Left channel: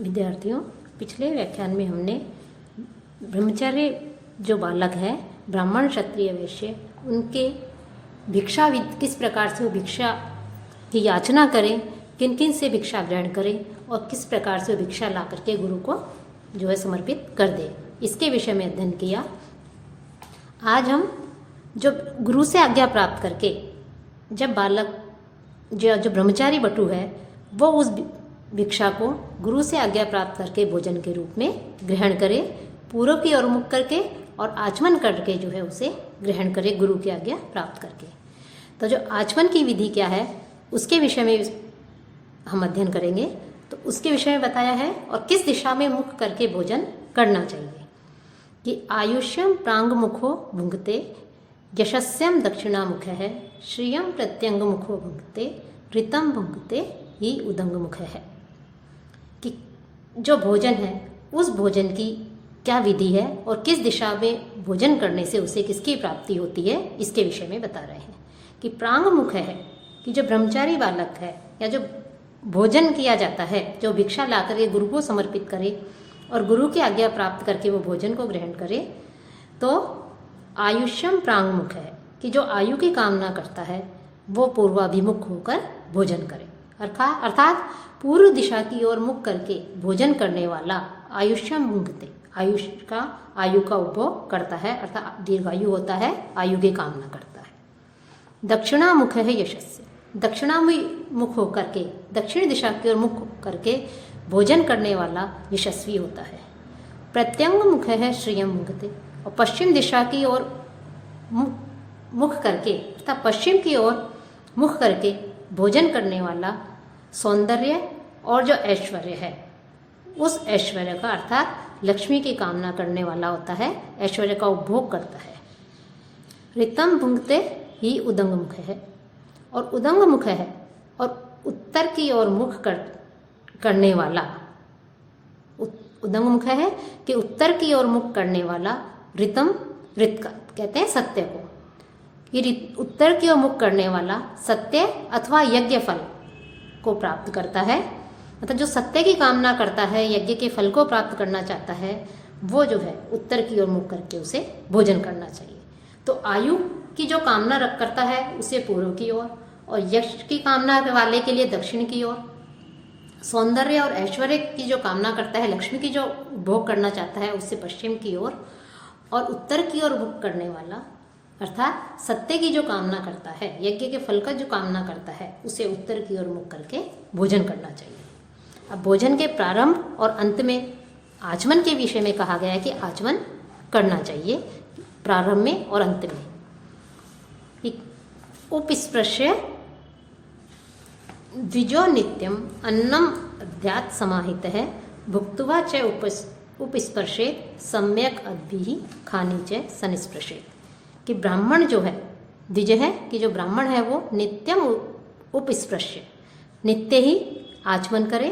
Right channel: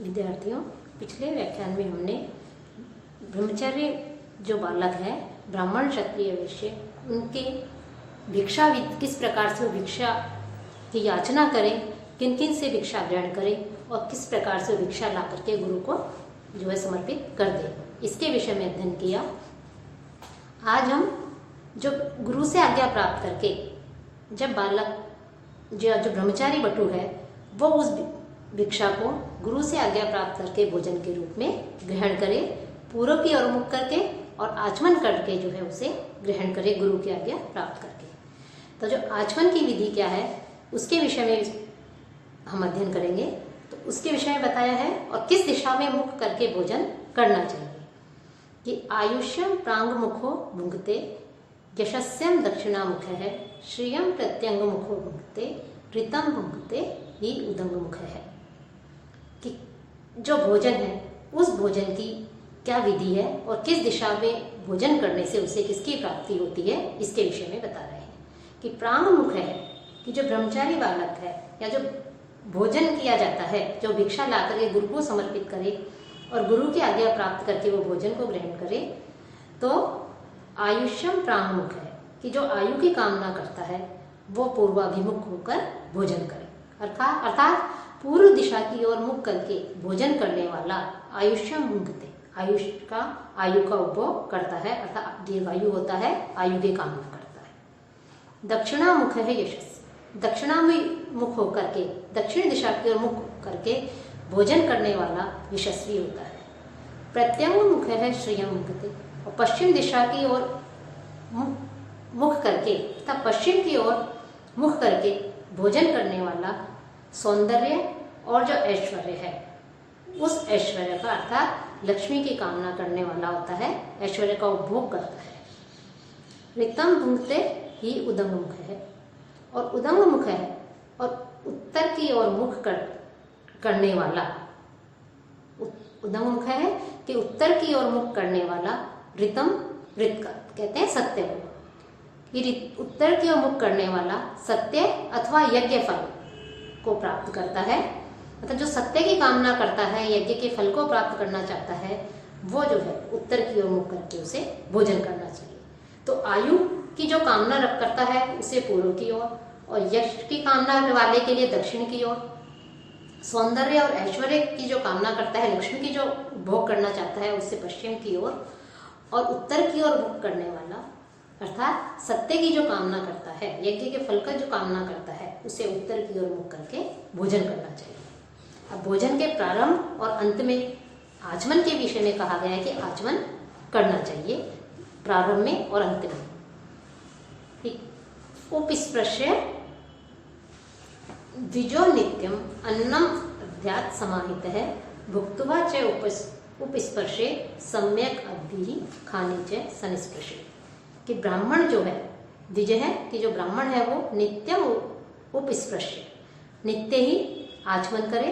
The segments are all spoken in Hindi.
विद्यार्थियों, पिछले व्याख्यान में हमने ब्रह्मचर्य जो बालक है, ब्राह्मण क्षत्रिय वैश्य, उनके भिक्षा किस प्रकार से वो भिक्षा की याचना करें, किन किन से भिक्षा ग्रहण करें और किस प्रकार से भिक्षा ला करके गुरु को जो है समर्पित कर दे, इसके विषय में अध्ययन किया। आज हम जो गुरु से आज्ञा प्राप्त करके जब बालक जो ब्रह्मचारी बटु है वो उस भिक्षा को गुरु से आज्ञा प्राप्त करके भोजन के रूप में ग्रहण करे, पूर्व की ओर मुख करके और आचमन करके जो है उसे ग्रहण करे गुरु की आज्ञा प्राप्त करके। तो जो आचमन की विधि क्या है उसके विषय में हम अध्ययन करेंगे। तो उसके विषय में बताया है और किस दिशा में मुख करके भोजन करना चाहिए कि आयुष्यम प्रांग मुखो भुंगते, यशस्यम दक्षिणामुख है, श्रियम प्रत्यंग मुखो भुंगते, ऋतम भुंगते ही उदंग मुख है। कि जो भोजन है उस भोजन की क्या विधि है और किस दिशा में भोजन करने से उसे किसकी प्राप्ति होती है, इसके विषय में बता रहे हैं। कि प्रांग मुख है कि जो ब्रह्मचारी बालक है या जो भोजन किया जाता है, जो भिक्षा ला करके गुरु को समर्पित करे और गुरु की आज्ञा प्राप्त करके वो भोजन को ग्रहण करे, तो आयुष्यम प्रांग मुख है कि जो आयु की कामना करता है वो पूर्वाभिमुख होकर भोजन करे, अर्थात पूर्व दिशा की ओर मुख करके भोजन करने वाला आयुष्यम भुंगते, आयु का उपभोग करता है, अर्थात दीर्घायु होता है, आयु की कामना करता है। दक्षिणामुख है यशस्वी, दक्षिणामुख होकर के दक्षिण दिशा की ओर मुख करके भोजन करने वाला यशस्वी होता है। प्रत्यंग मुख है श्रियम भुंगते, और पश्चिम दिशा की ओर मुख करके अर्थात पश्चिम की ओर मुख करके भोजन करने वाला सौंदर्य और जो ऐश्वर्य है उस ऐश्वर्य का अर्थात लक्ष्मी की कामना करने वाला होता है, ऐश्वर्य का उपभोग करता है। ऋतम भुंगते ही उदंग मुख है, और उदंग मुख है और उत्तर की ओर मुख करने वाला, उदंग मुख है कि उत्तर की ओर मुख करने वाला ऋतम, ऋत का कहते हैं सत्य को, कि उत्तर की ओर मुख करने वाला सत्य अथवा यज्ञ फल को प्राप्त करता है। मतलब जो सत्य की कामना करता है, यज्ञ के फल को प्राप्त करना चाहता है, वो जो है उत्तर की ओर मुख करके उसे भोजन करना चाहिए। तो आयु की जो कामना करता है उसे पूर्व की ओर, और यश की कामना वाले के लिए दक्षिण की ओर, सौंदर्य और ऐश्वर्य की जो कामना करता है, लक्ष्मी की जो भोग करना चाहता है उससे पश्चिम की ओर, और उत्तर की ओर भोग करने वाला अर्थात सत्य की जो कामना करता है, यज्ञ के फल का जो कामना करता है, उसे उत्तर की ओर मुख करके भोजन करना चाहिए। अब भोजन के प्रारंभ और अंत में आचमन के विषय में कहा गया है कि आचमन करना चाहिए प्रारंभ में और अंत में। उपस्पृश्य द्विजो नित्यम अन्नम अध्यात् समाहित है, भुक्त्वा च उपस्पर्शे सम्यक अद्भिः खानी च संस्पृशे। कि ब्राह्मण जो है, द्विज है कि जो ब्राह्मण है वो नित्यम उपस्पृश्य, नित्य ही आचमन करे,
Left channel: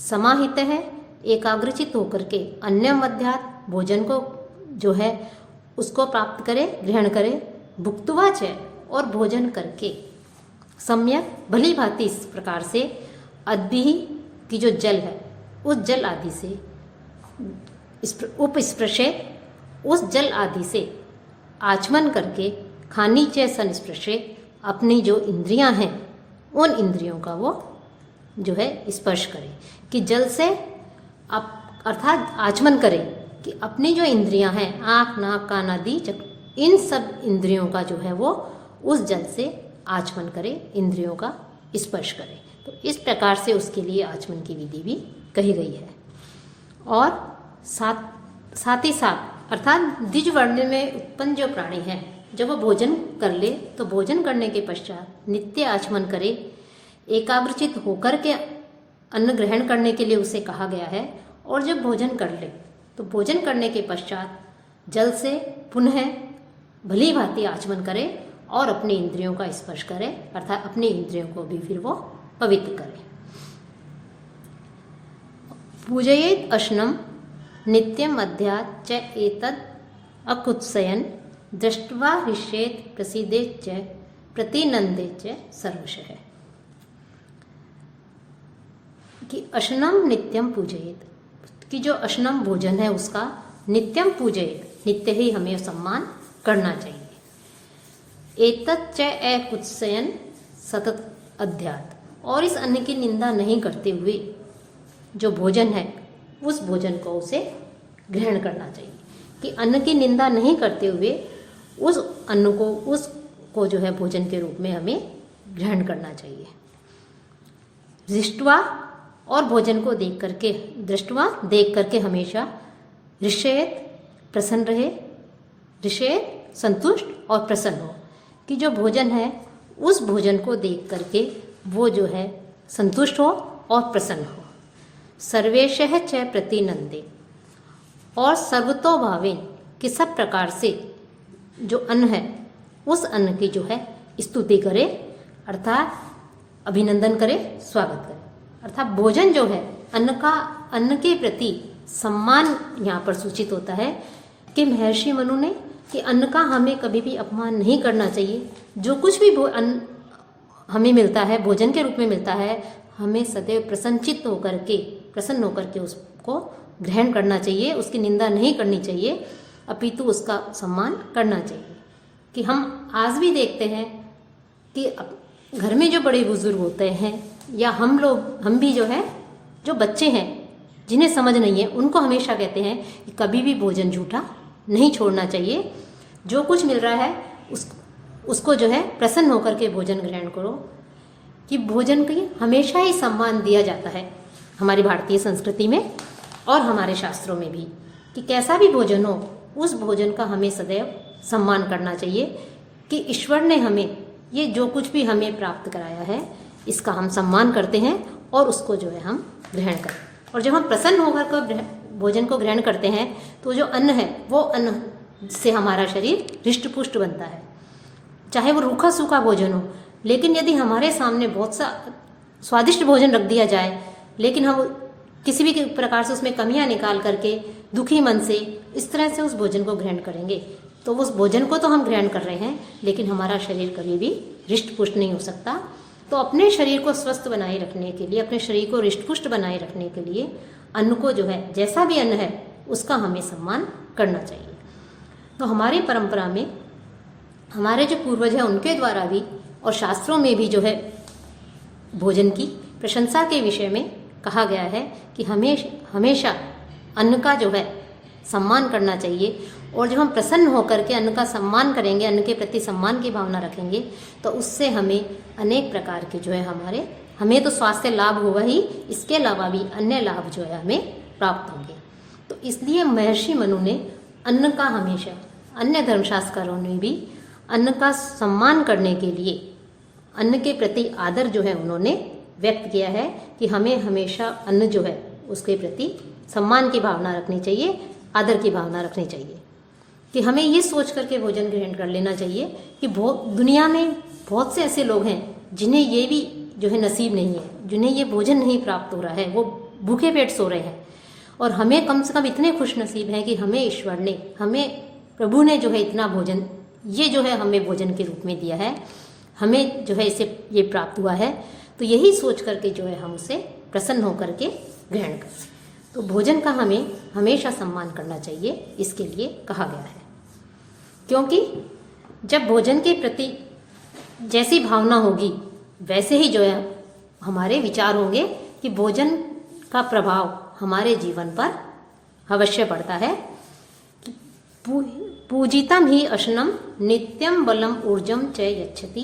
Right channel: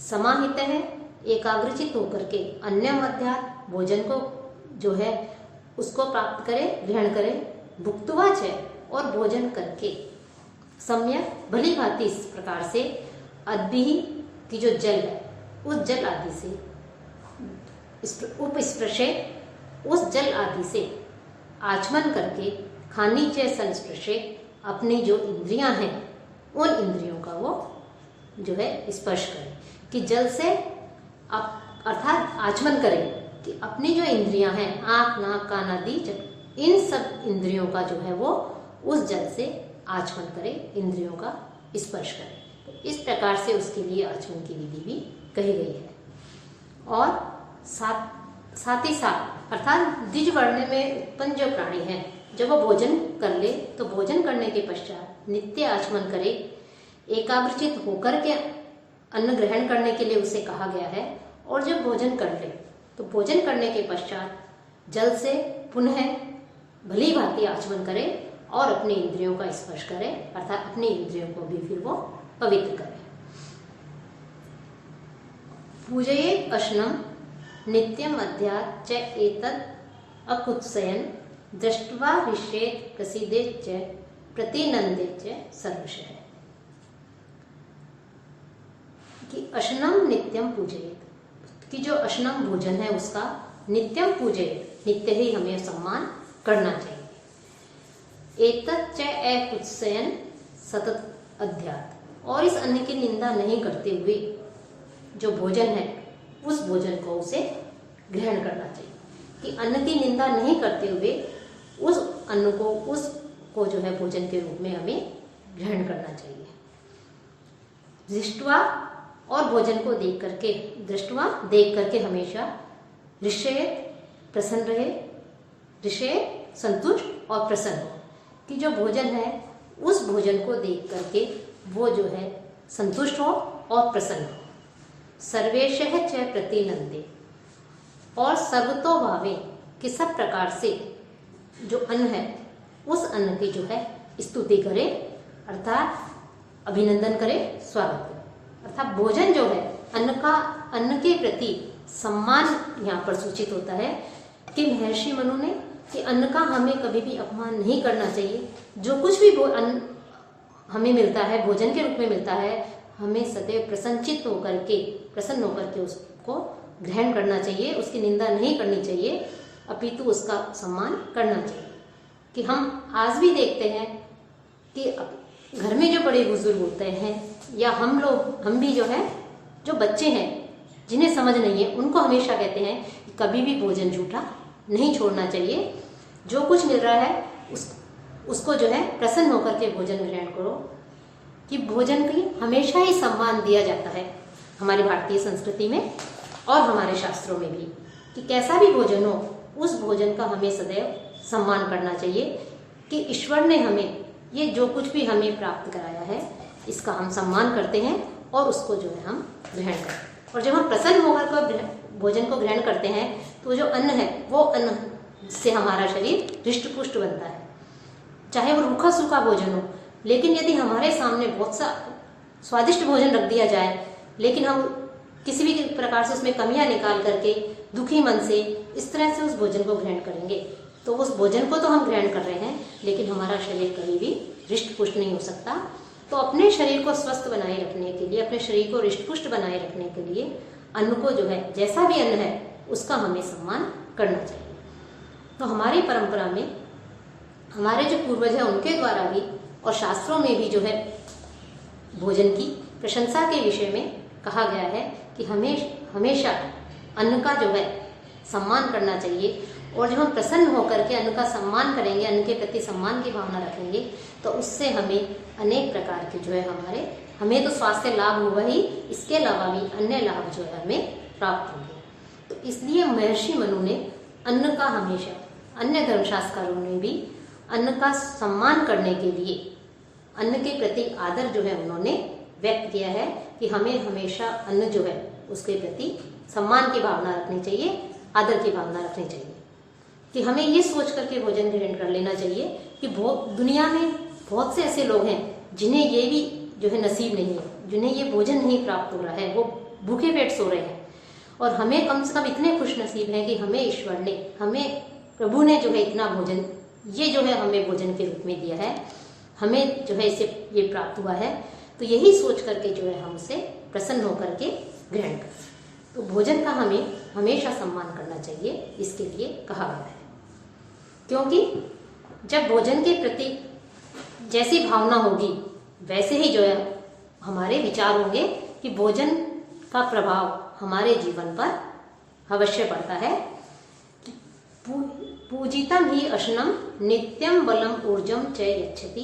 समाहित है एकाग्रचित होकर के, अन्नम अध्यात् भोजन को जो है उसको प्राप्त करे, ग्रहण करे, भुक्त्वा च और भोजन करके, सम्यक भली भांति इस प्रकार से, अद्भिः की जो जल है उस जल आदि से, उपस्पृशे उस जल आदि से आचमन करके, खानी च संस्पृशे अपनी जो इंद्रियां हैं उन इंद्रियों का वो जो है स्पर्श करे। कि जल से अर्थात आचमन करे कि अपनी जो इंद्रियां हैं, आँख नाक कान आदि, इन सब इंद्रियों का जो है वो उस जल से आचमन करे, इंद्रियों का स्पर्श करे। तो इस प्रकार से उसके लिए आचमन की विधि भी कही गई है। और साथ ही साथ अर्थात द्विज वर्ण में उत्पन्न जो प्राणी है, जब वो भोजन कर ले तो भोजन करने के पश्चात नित्य आचमन करे, एकाग्रचित होकर के अन्न ग्रहण करने के लिए उसे कहा गया है। और जब भोजन कर ले तो भोजन करने के पश्चात जल से पुनः भली भांति आचमन करे और अपनी इंद्रियों का स्पर्श करे, अर्थात अपनी इंद्रियों को भी फिर वो पवित्र करे। पूजयेत् अश्नम नित्यम अध्यात् च एतद् अकुत्सयन् दृष्ट्वा हृष्येत् प्रसीदेत् च प्रतिनंदेत् च सर्वशः। कि अशनम नित्यम पूजयेत, कि जो अशनम भोजन है उसका नित्यम पूजयेत, नित्य ही हमें सम्मान करना चाहिए। एतच्च कुत्सयन सतत अध्यात, और इस अन्न की निंदा नहीं करते हुए जो भोजन है उस भोजन को उसे ग्रहण करना चाहिए, कि अन्न की निंदा नहीं करते हुए उस अन्न को उसको जो है भोजन के रूप में हमें ग्रहण करना चाहिए। दृष्टवा, और भोजन को देख करके, दृष्टवा देख करके हमेशा ऋषेत प्रसन्न रहे, ऋषेत संतुष्ट और प्रसन्न हो, कि जो भोजन है उस भोजन को देख करके वो जो है संतुष्ट हो और प्रसन्न हो। सर्वेशः च प्रतिनंदे, और सर्वतो भावे, कि सब प्रकार से जो अन्न है उस अन्न की जो है स्तुति करे, अर्थात अभिनंदन करे, स्वागत करे। अर्थात भोजन जो है अन्न के प्रति सम्मान यहाँ पर सूचित होता है कि महर्षि मनु ने कि अन्न का हमें कभी भी अपमान नहीं करना चाहिए। जो कुछ भी अन्न हमें मिलता है, भोजन के रूप में मिलता है, हमें सदैव प्रसन्न होकर के उसको ग्रहण करना चाहिए, उसकी निंदा नहीं करनी चाहिए, अपितु उसका सम्मान करना चाहिए। कि हम आज भी देखते हैं कि घर में जो बड़े बुजुर्ग होते हैं या हम भी जो है, जो बच्चे हैं जिन्हें समझ नहीं है, उनको हमेशा कहते हैं कि कभी भी भोजन झूठा नहीं छोड़ना चाहिए, जो कुछ मिल रहा है उसको जो है प्रसन्न होकर के भोजन ग्रहण करो। कि भोजन की हमेशा ही सम्मान दिया जाता है हमारी भारतीय संस्कृति में और हमारे शास्त्रों में भी, कि कैसा भी भोजन हो उस भोजन का हमें सदैव सम्मान करना चाहिए, कि ईश्वर ने हमें ये जो कुछ भी हमें प्राप्त कराया है इसका हम सम्मान करते हैं और उसको जो है हम ग्रहण करते हैं। और जब हम प्रसन्न होकर भोजन को ग्रहण करते हैं तो जो अन्न है वो अन्न से हमारा शरीर हृष्ट पुष्ट बनता है, चाहे वो रूखा सूखा भोजन हो। लेकिन यदि हमारे सामने बहुत सा स्वादिष्ट भोजन रख दिया जाए, लेकिन हम किसी भी प्रकार से उसमें कमियां निकाल करके दुखी मन से इस तरह से उस भोजन को ग्रहण करेंगे, तो उस भोजन को तो हम ग्रहण कर रहे हैं लेकिन हमारा शरीर कभी भी हृष्ट पुष्ट नहीं हो सकता। तो अपने शरीर को स्वस्थ बनाए रखने के लिए, अपने शरीर को हृष्ट पुष्ट बनाए रखने के लिए अन्न को जो है, जैसा भी अन्न है उसका हमें सम्मान करना चाहिए। तो हमारी परंपरा में हमारे जो पूर्वज हैं उनके द्वारा भी और शास्त्रों में भी जो है भोजन की प्रशंसा के विषय में कहा गया है कि हमेशा अन्न का जो है सम्मान करना चाहिए। और जब हम प्रसन्न होकर के अन्न का सम्मान करेंगे, अन्न के प्रति सम्मान की भावना रखेंगे, तो उससे हमें अनेक प्रकार के जो है हमें तो स्वास्थ्य लाभ होगा ही, इसके अलावा भी अन्य लाभ जो है हमें प्राप्त होंगे। तो इसलिए महर्षि मनु ने अन्न का हमेशा, अन्य धर्मशास्त्रों ने भी अन्न का सम्मान करने के लिए अन्न के प्रति आदर जो है उन्होंने व्यक्त किया है कि हमें हमेशा अन्न जो है उसके प्रति सम्मान की भावना रखनी चाहिए, आदर की भावना रखनी चाहिए। कि हमें ये सोच करके भोजन ग्रहण कर लेना चाहिए कि दुनिया में बहुत से ऐसे लोग हैं जिन्हें ये भी जो है नसीब नहीं है, जिन्हें ये भोजन नहीं प्राप्त हो रहा है, वो भूखे पेट सो रहे हैं। और हमें कम से कम इतने खुश नसीब हैं कि हमें ईश्वर ने, हमें प्रभु ने जो है इतना भोजन, ये जो है हमें भोजन के रूप में दिया है, हमें जो है इसे ये प्राप्त हुआ है। तो यही सोच करके जो है हम उसे प्रसन्न होकर के ग्रहण करें। तो भोजन का हमें हमेशा सम्मान करना चाहिए, इसके लिए कहा गया है। क्योंकि जब भोजन के प्रति जैसी भावना होगी वैसे ही जो है हमारे विचार होंगे कि भोजन का प्रभाव हमारे जीवन पर अवश्य पड़ता है। पूजितम ही अशनम नित्यम बलम ऊर्जम च यच्छति,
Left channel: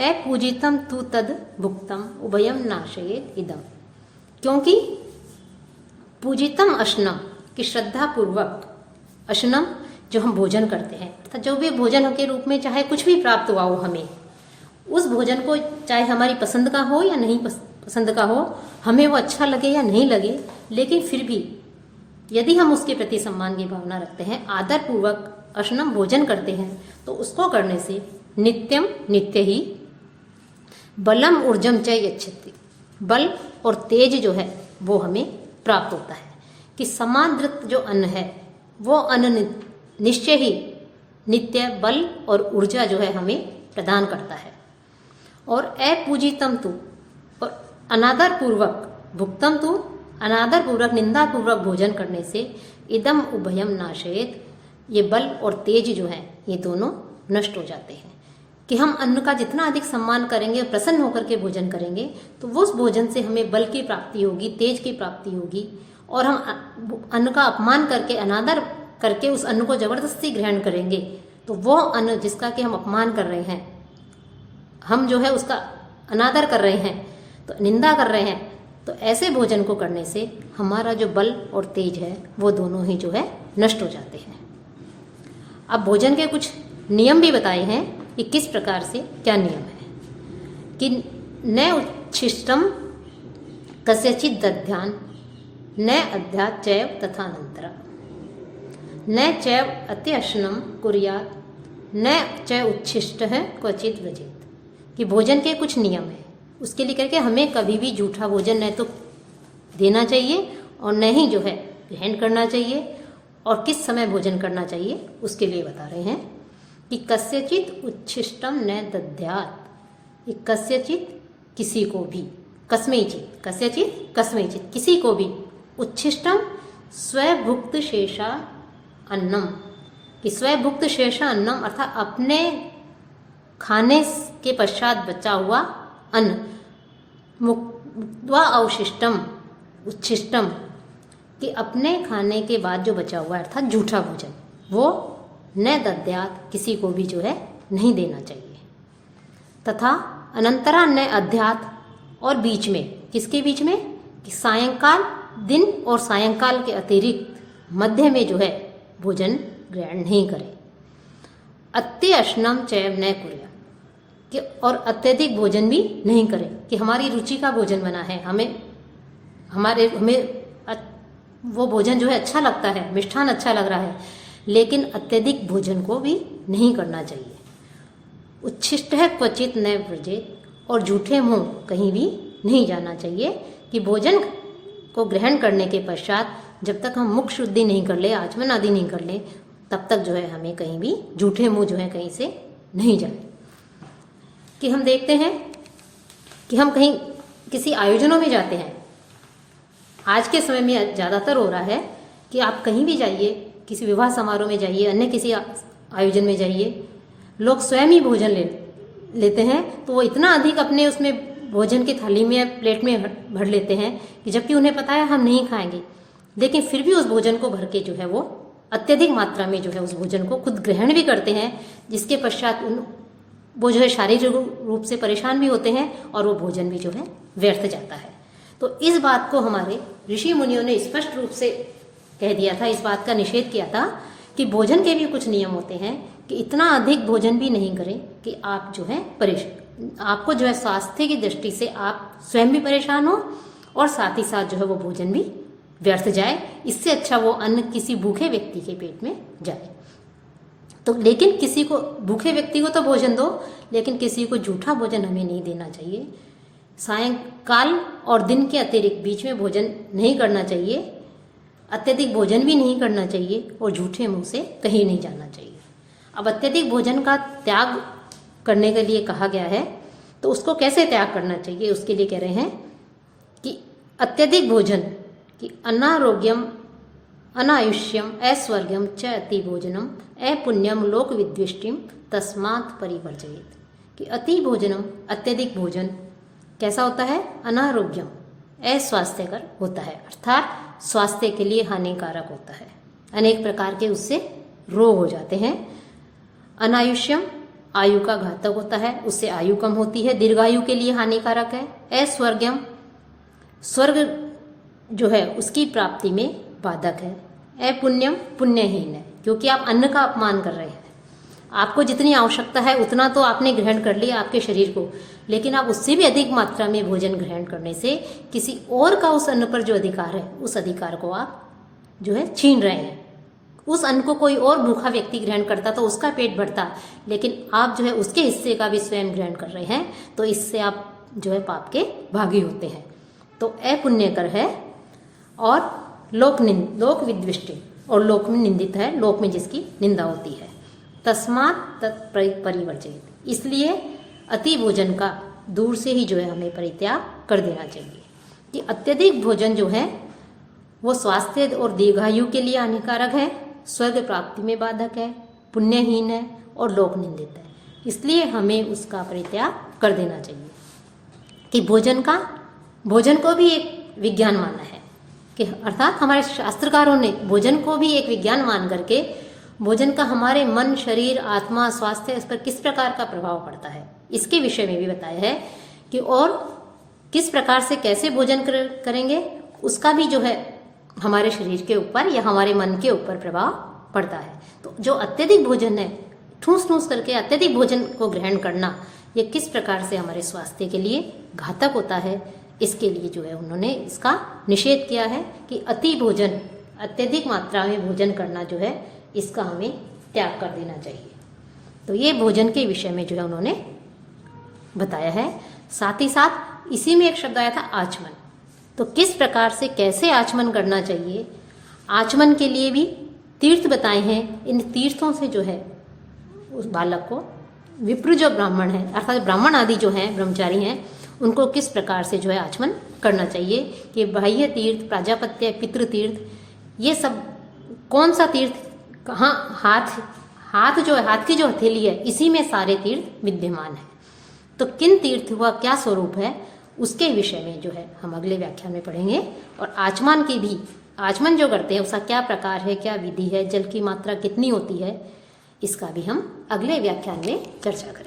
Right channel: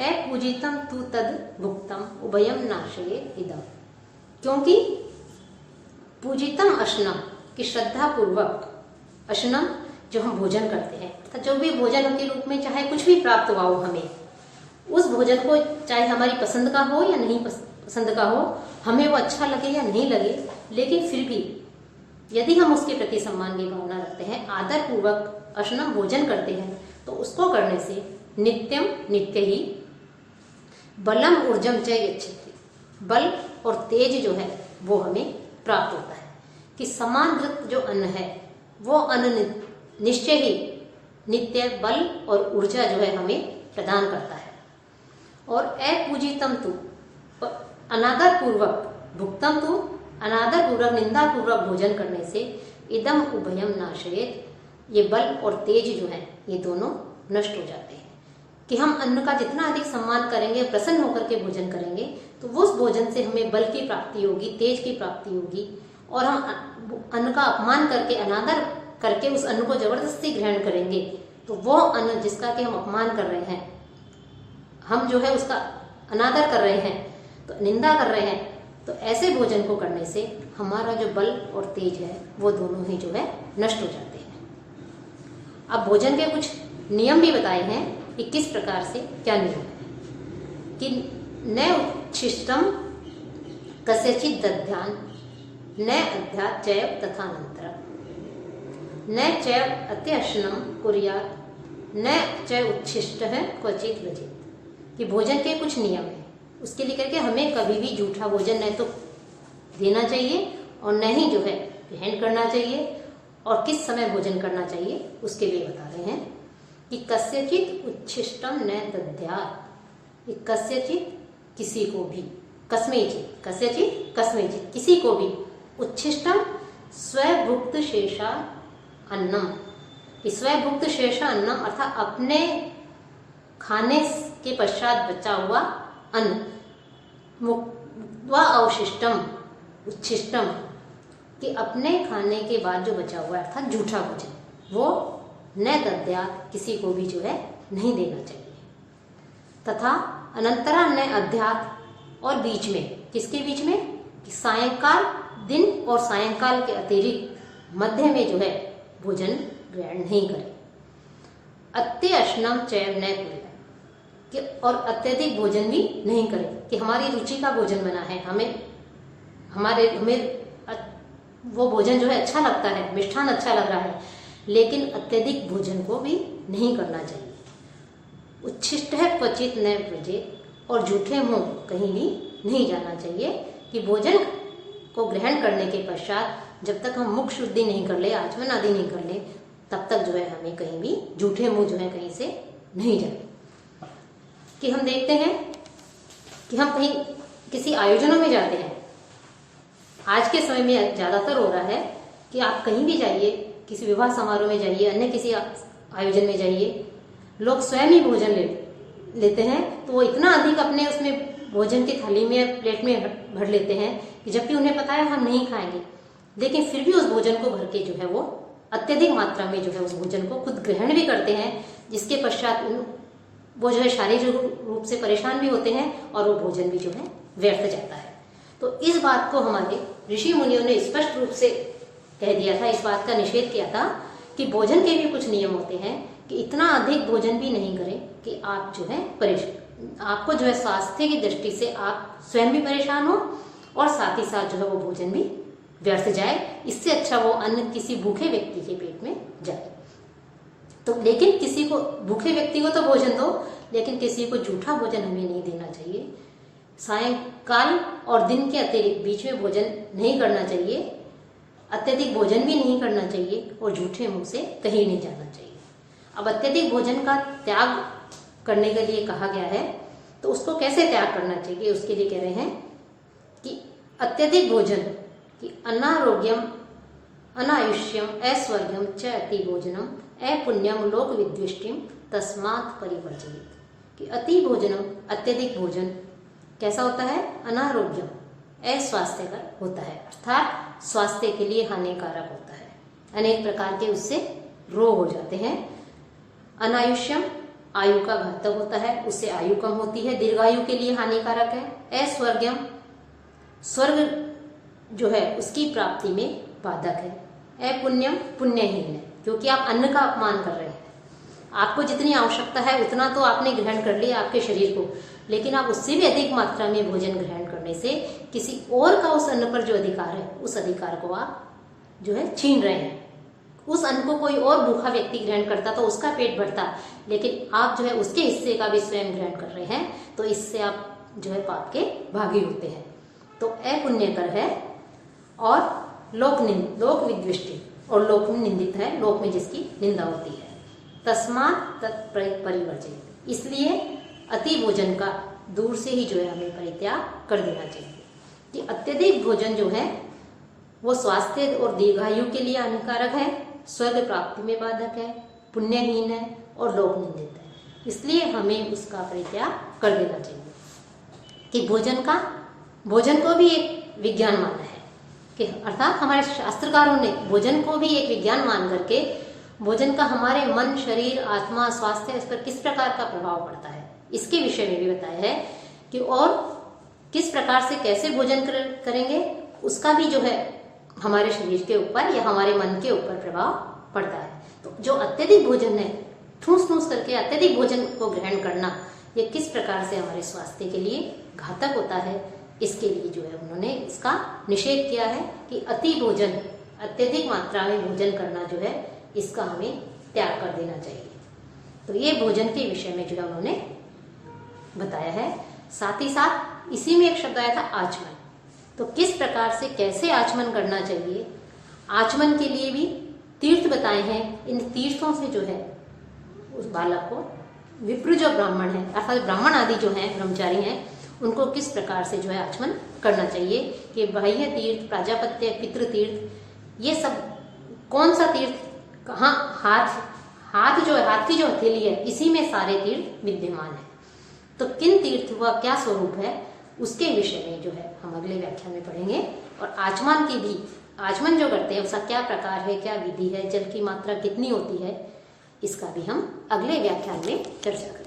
अपूजितम तु तद भुक्तम उभयम नाशये इदम। क्योंकि पूजितम अशनम की श्रद्धा पूर्वक, अशनम जो हम भोजन करते हैं, अर्थात जो भी भोजन के रूप में चाहे कुछ भी प्राप्त हुआ हो हमें, उस भोजन को चाहे हमारी पसंद का हो या नहीं पसंद का हो, हमें वो अच्छा लगे या नहीं लगे, लेकिन फिर भी यदि हम उसके प्रति सम्मान की भावना रखते हैं, आदर पूर्वक अशनम भोजन करते हैं, तो उसको करने से नित्यम, नित्य ही, बलम ऊर्जम च यच्छति, बल और तेज जो है वो हमें प्राप्त होता है। कि समाधृत जो अन्न है वो अन्न निश्चय ही नित्य बल और ऊर्जा जो है हमें प्रदान करता है। और अपूजितम तु, अनादर पूर्वक भुक्तम तु अनादर पूर्वक निंदा पूर्वक भोजन करने से इदम उभयम नाशयेत, ये बल और तेज जो है ये दोनों नष्ट हो जाते हैं। कि हम अन्न का जितना अधिक सम्मान करेंगे, प्रसन्न होकर के भोजन करेंगे, तो वो उस भोजन से हमें बल की प्राप्ति होगी, तेज की प्राप्ति होगी। और हम अन्न का अपमान करके, अनादर करके उस अन्न को जबरदस्ती ग्रहण करेंगे, तो वो अन्न जिसका कि हम अपमान कर रहे हैं, हम जो है उसका अनादर कर रहे हैं, तो निंदा कर रहे हैं, तो ऐसे भोजन को करने से हमारा जो बल और तेज है वो दोनों ही जो है नष्ट हो जाते हैं। अब भोजन के कुछ नियम भी बताए हैं कि किस प्रकार से क्या नियम है। कि न उच्छिष्टम कस्यचित् दध्यान न अध्यात् चैव तथानन्तरम्, न चैव अत्यशनं कुर्यात् न च उच्छिष्टः क्वचित् व्रजेत्। कि भोजन के कुछ नियम हैं, उसके लिए करके हमें कभी भी जूठा भोजन न तो देना चाहिए और न ही जो है ग्रहण करना चाहिए, और किस समय भोजन करना चाहिए उसके लिए बता रहे हैं। कि कस्यचित् उच्छिष्टम न दद्यात्, कस्यचित् किसी को भी, कस्मैचित् कस्यचित् कस्मैचित् किसी को भी, उच्छिष्टम स्वभुक्त शेषा अन्नम, कि स्वभुक्त शेषा अन्नम अर्थात अपने खाने के पश्चात बचा हुआ अन्न, मुक्त्वा अवशिष्टम उच्छिष्टम, कि अपने खाने के बाद जो बचा हुआ अर्थात जूठा भोजन, वो न दद्यात् किसी को भी जो है नहीं देना चाहिए। तथा अनंतरा न अध्यात्, और बीच में, किसके बीच में, कि सायंकाल, दिन और सायंकाल के अतिरिक्त मध्य में जो है भोजन ग्रहण नहीं करें। अत्यशनम चैव न कुर्यात्, कि और अत्यधिक भोजन भी नहीं करें। कि हमारी रुचि का भोजन बना है, हमें वो भोजन जो है अच्छा लगता है, मिष्ठान अच्छा लग रहा है, लेकिन अत्यधिक भोजन को भी नहीं करना चाहिए। उच्छिष्ट है क्वचित न व्रजेत्, और झूठे मुंह कहीं भी नहीं जाना चाहिए। कि भोजन को ग्रहण करने के पश्चात जब तक हम मुख शुद्धि नहीं कर ले, आचमन आदि नहीं कर ले, तब तक जो है हमें कहीं भी झूठे मुंह जो है कहीं से नहीं जाए। कि हम देखते हैं कि हम कहीं किसी आयोजनों में जाते हैं, आज के समय में ज़्यादातर हो रहा है कि आप कहीं भी जाइए, किसी विवाह समारोह में जाइए, अन्य किसी आयोजन में जाइए, लोग स्वयं ही भोजन लेते हैं, तो वो इतना अधिक अपने उसमें भोजन की थाली में, प्लेट में भर लेते हैं कि जबकि उन्हें पता है हम नहीं खाएंगे, लेकिन फिर भी उस भोजन को भर के जो है वो अत्यधिक मात्रा में जो है उस भोजन को खुद ग्रहण भी करते हैं, जिसके पश्चात वो जो है शारीरिक रूप से परेशान भी होते हैं और वो भोजन भी जो है व्यर्थ जाता है। तो इस बात को हमारे ऋषि मुनियों ने स्पष्ट रूप से कह दिया था, इस बात का निषेध किया था कि भोजन के भी कुछ नियम होते हैं, कि इतना अधिक भोजन भी नहीं करें कि आप जो है परेशान, आपको जो है स्वास्थ्य की दृष्टि से आप स्वयं भी परेशान हो और साथ ही साथ जो है वो भोजन भी व्यर्थ जाए। इससे अच्छा वो अन्न किसी भूखे व्यक्ति के पेट में जाए। तो लेकिन किसी को, भूखे व्यक्ति को तो भोजन दो, लेकिन किसी को झूठा भोजन हमें नहीं देना चाहिए। सायंकाल और दिन के अतिरिक्त बीच में भोजन नहीं करना चाहिए, अत्यधिक भोजन भी नहीं करना चाहिए और झूठे मुंह से कहीं नहीं जाना चाहिए। अब अत्यधिक भोजन का त्याग करने के लिए कहा गया है, तो उसको कैसे त्याग करना चाहिए, उसके लिए कह रहे हैं कि अत्यधिक भोजन कि अनारोग्यम अनायुष्यम ऐश्वर्यम च अति भोजनम अपुण्यम लोक विद्वेष्टिम तस्मात् परिवर्जयेत्। कि अति भोजनम, अत्यधिक भोजन कैसा होता है, अनारोग्यम, अस्वास्थ्यकर होता है, अर्थात स्वास्थ्य के लिए हानिकारक होता है, अनेक प्रकार के उससे रोग हो जाते हैं। अनायुष्यम, आयु का घातक होता है, उससे आयु कम होती है, दीर्घायु के लिए हानिकारक है। अस्वर्गम, स्वर्ग जो है उसकी प्राप्ति में बाधक है। अपुण्यम, पुण्यहीन है, क्योंकि आप अन्न का अपमान कर रहे हैं। आपको जितनी आवश्यकता है उतना तो आपने ग्रहण कर लिया आपके शरीर को, लेकिन आप उससे भी अधिक मात्रा में भोजन ग्रहण करने से किसी और का उस अन्न पर जो अधिकार है, उस अधिकार को आप जो है छीन रहे हैं। उस अन्न को कोई और भूखा व्यक्ति ग्रहण करता तो उसका पेट भरता, लेकिन आप जो है उसके हिस्से का भी स्वयं ग्रहण कर रहे हैं, तो इससे आप जो है पाप के भागी होते हैं। तो अपुण्यकर है और लोक विद्वेष्टि, और लोक में निंदित है, लोक में जिसकी निंदा होती है। तस्मात् तत्परिवर्जयेत्, इसलिए अति भोजन का दूर से ही जो है हमें परित्याग कर देना चाहिए। कि अत्यधिक भोजन जो है वो स्वास्थ्य और दीर्घायु के लिए हानिकारक है, स्वर्ग प्राप्ति में बाधक है, पुण्यहीन है और लोक निंदित है। इसलिए हमें उसका परित्याग कर देना चाहिए। कि भोजन को भी एक विज्ञान माना है, कि अर्थात हमारे शास्त्रकारों ने भोजन को भी एक विज्ञान मान करके भोजन का हमारे मन, शरीर, आत्मा, स्वास्थ्य, इस पर किस प्रकार का प्रभाव पड़ता है इसके विषय में भी बताया है कि और किस प्रकार से कैसे भोजन करेंगे उसका भी जो है हमारे शरीर के ऊपर या हमारे मन के ऊपर प्रभाव पड़ता है। तो जो अत्यधिक भोजन है, ठूस ठूस करके अत्यधिक भोजन को ग्रहण करना, ये किस प्रकार से हमारे स्वास्थ्य के लिए घातक होता है, इसके लिए जो है उन्होंने इसका निषेध किया है कि अति भोजन, अत्यधिक मात्रा में भोजन करना जो है इसका हमें त्याग कर देना चाहिए। तो ये भोजन के विषय में जो है उन्होंने बताया है। साथ ही साथ इसी में एक शब्द आया था आचमन। तो किस प्रकार से कैसे आचमन करना चाहिए, आचमन के लिए भी तीर्थ बताए हैं। इन तीर्थों से जो है उस बालक को विप्र जो ब्राह्मण है अर्थात ब्राह्मण आदि जो हैं ब्रह्मचारी हैं उनको किस प्रकार से जो है आचमन करना चाहिए कि बाह्य तीर्थ, प्राजापत्य, पितृ तीर्थ, ये सब कौन सा तीर्थ कहाँ, हाथ जो है, हाथ की जो हथेली है इसी में सारे तीर्थ विद्यमान है। तो किन तीर्थ हुआ क्या स्वरूप है उसके विषय में जो है हम अगले व्याख्यान में पढ़ेंगे। और आचमन की भी, आचमन जो करते हैं उसका क्या प्रकार है, क्या विधि है, जल की मात्रा कितनी होती है, इसका भी हम अगले व्याख्यान में चर्चा करेंगे।